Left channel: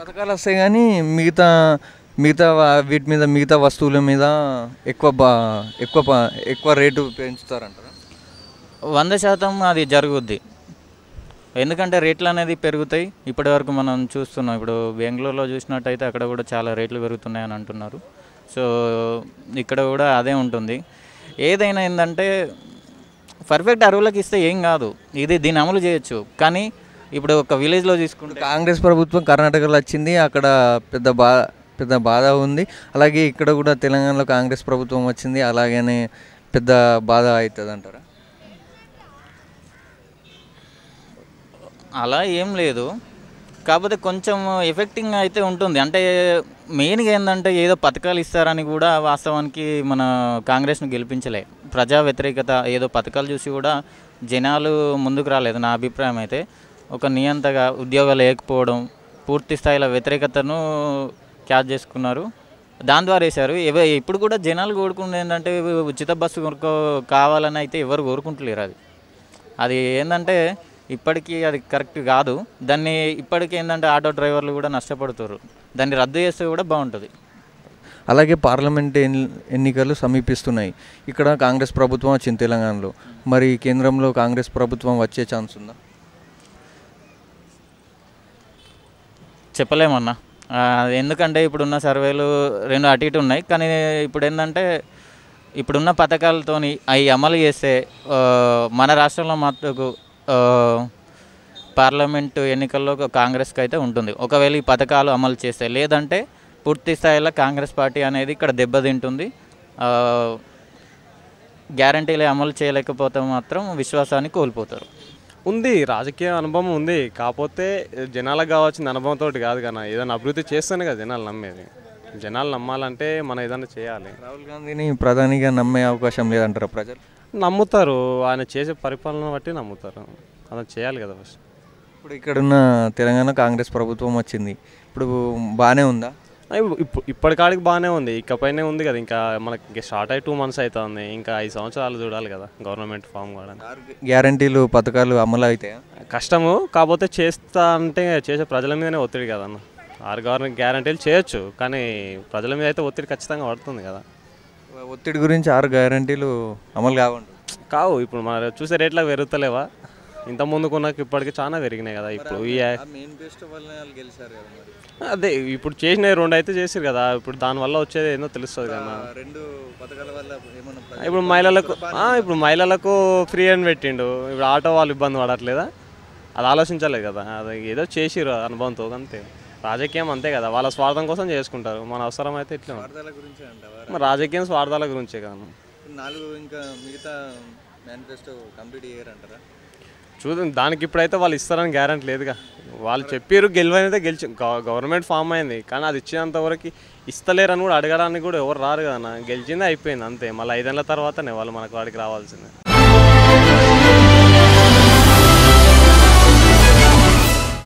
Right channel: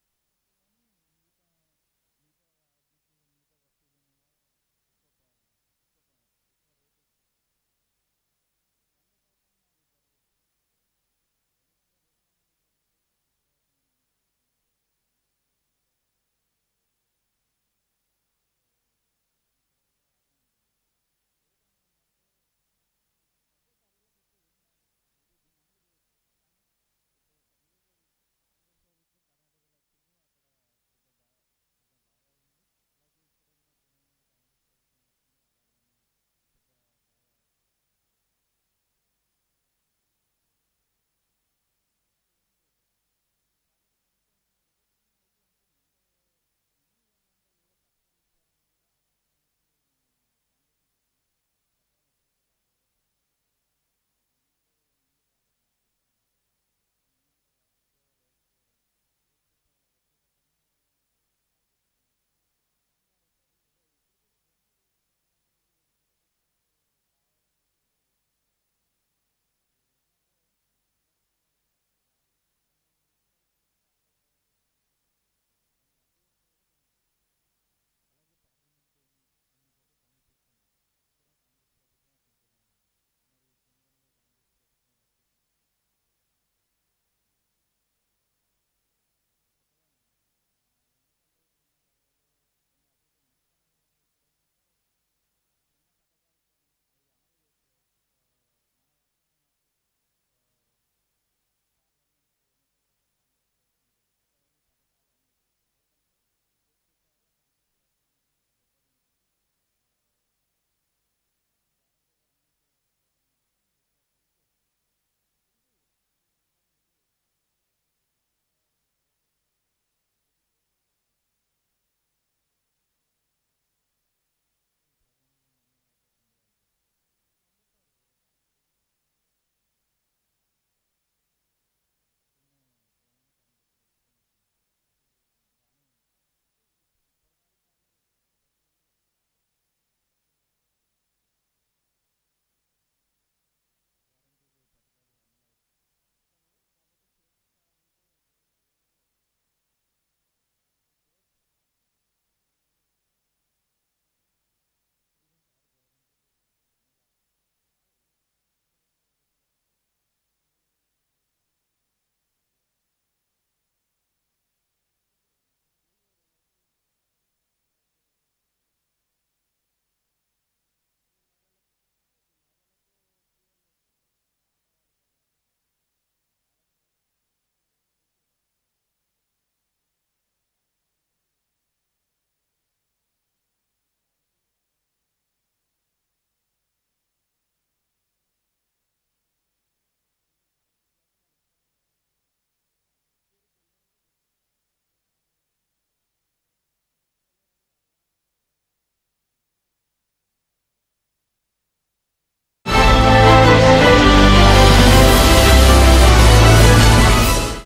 పథకాలు వస్తాయి కానీ మిగతా మిగతా వీటి మీద మిగతా వస్తువుల మీద ఎక్కువ బా ఎక్కువ ఎక్కువ రేటు పెంచుతారంటారా? 100% అది జరుగుద్ది. ఎందుకంటే రేట్లు అనేది పెరుగుతాయి. ఇప్పటివరకు మనం చూస్తున్నాం. ఇప్పుడు బెంగుళూరులో చూసినట్టయితే అక్కడ కూడా చాలా రేట్లు పెరుగుతున్నాయని అంటున్నారు. సో ఇక్కడ కూడా అదే ఉంటుంది. ఏదైనా ఏంటంటే పర్ఫెక్ట్ అరువులకు ఇస్తే ఏం కాదు, దీన్ని అమలు చేయొచ్చు. కానీ ఇప్పుడు ఒక విలేజ్లో తీసుకుంటే కాంగ్రెస్ ప్రభుత్వం కర్ణాటకలో వచ్చింది, అక్కడ పెద్ద బాధ ఉంది. అలాగే ఇక్కడ కూడా తెలంగాణలో కాంగ్రెస్ ప్రభుత్వం వచ్చింది, అలాగనే పెద్ద బాధ అవుతుంది అంటారా? అలా ఏం లేదు, కాకపోతే కొంచెం ఎఫెక్టింగ్ అయితే ఉంటుంది. అంటే మెయిన్గా ఏంటంటే ఏదో పథకాలు ఇస్తారని కూడా వాస్తవానికి మన కాంగ్రెస్ను గెలిపించలే. ప్రజా వ్యతిరేకత ఏదో పథకాలు చూసి కూడా జనాలు ముందుకు రాలేదు. నా అభిప్రాయం అయితే ఒక నియంతగా ఉద్యోగాలు లేకపోవడం, పూర్తి స్థాయిలో వ్యతిరేకతను క్యాచ్ చేసుకున్నారు, దాని ద్వారా వేశారు. ఇప్పుడు కూడా జనాలు కోరుకుంటుంది ఏంటంటే ఉచిత బస్సు కావాలని అయితే ఎవరు కోరుకుంటలేరు. అది ఏంటంటే ఇప్పటికీ అది కరెక్ట్ కాదు. దాన్ని ఇప్పటికీ ఏంటంటే ఆటో డ్రైవర్లు కూడా నష్టపడుతారు. దాన్ని రద్దు చేస్తే కూడా బాగుంటుంది. అలాగే పార్లమెంట్ ఎన్నికలు సమీపిస్తున్నాయి. ఇక్కడ కాంగ్రెస్ ప్రభుత్వం వచ్చింది తెలంగాణలో. మరి కేంద్రంలో కాంగ్రెస్ ప్రభుత్వం వచ్చే ఛాన్స్ ఉందా? చెప్పలేమన్నా. ఎందుకంటే ఇప్పుడున్న సర్వేలు రెండు అటు ఇటు ఉన్నాయి. కానీ ఇప్పుడు ఏంటంటే ఇప్పుడున్న పథకాలతోని అవి అమలు చేస్తే మన రాష్ట్రంలో మట్టుకు పార్లమెంటు ఎన్నికల్లో కాంగ్రెస్కి అయితే ఉంటుంది, ఒకవేళ ఈ పథకాలు అమలు చేస్తే. లేదంటే పూర్తి స్థాయిలో కాంగ్రెస్ పార్టీ అనేది ఇక్కడ దెబ్బతింటుంది. గ్యారంటీలు అమలు చేయలేకపోతే మాత్రం విశ్వాసాన్ని కోల్పోతారు. ఉంది, రాజకీయ అనుభవం ఉంది. కాకపోతే జనాలకు కావాల్సిన అనుభవంతో కాదు కదా, ఏదైనా అభివృద్ధి చేస్తేనే కదా జనాలు నమ్మేది. జనాలు నమ్మాలంటే మనం ఏదైనా చేయాలి. రాహుల్ గాంధీని ప్రధానిగా నమ్మే అవకాశం లేదంటారా ప్రజలు? నమ్ముతారు, ఆయన చేసే పరిపాలన బట్టి నమ్ముతారు. అలా చేయాలి కదా ఫస్ట్. ఇప్పుడు ఇక్కడున్న తెలంగాణ కాంగ్రెస్ ప్రభుత్వం వచ్చింది, ఇప్పుడు బాగానే ఉందా? ఇప్పటికాడికి బాగానే ఉంది, ఇకపైనే ఉంది కదా. ఇంకా మనకి ఇంకా స్టార్ట్ అయ్యి 2 months అవుతుంది. ఇంకా 5 సంవత్సరాలు చూడాలి కదా గవర్నమెంట్ ఫామ్ కూడా. గ్యారంటీలు పథకాలు అమలు అవుతాయా? కష్టము, కాకపోతే చేస్తా అంటే చేసే ప్రజల మీదనే ఒత్తిడి కదన్న. 6 గవర్నమెంట్ గ్యారంటీలు చేయొచ్చు, కానీ ప్రజల మీద అయితే ఒత్తిడి ఖచ్చితంగా పడుతుంది కదా. ఒత్తిడి గురించి 6 గ్యారంటీలు అమలు కావు. ఇప్పుడు మన చూసే రేట్లకు పెరుగుతలేవా? ఇంత ముందుకున్నాక ఇప్పటికి చాలా పెరిగినాయి కదా. ఇప్పుడు అదే ఇప్పుడు చేసిన 2 అయితే చేసారు కదా. ఇప్పుడు దానివల్ల వచ్చేది ఏందో తెలుస్తుంది కదా. ఇప్పుడు మహిళలకు ఫ్రీ అని పెట్టిండు. ఇప్పుడు ఆటో వాళ్ళు ఇబ్బంది పడట్లేదా? అది ఆలోచించలేదు కదా. అది ఏదో చేసిరు అనుభవంతో, అంతే. రాజకీయం అంతే కదా, వాళ్ళ స్వార్థం కోసం చేసుకుంటారు. మన అవసరం అయితే ఇట్లా రాజకీయం స్వార్థాల గురించే కదా. చూద్దాం, దానికి ఇప్పుడైతే వాళ్ళు ఇస్తారని గ్యారెంటీ లేదుగా. వాళ్ళు చెప్పారు గెలువనైతే గవర్నమెంట్ ఫామ్ అయింది, కానీ అది ఇచ్చినంత వరకు ఇస్తలేరని కూడా అడగడానికి కూడా ఎవరు రారు కదా. గెలిచిందే అయిపోయింది అంతే. మళ్ళీ 5 ఏళ్ళ తర్వాతనే వాళ్ళు మనకు వాడికి రావాల్సిందే.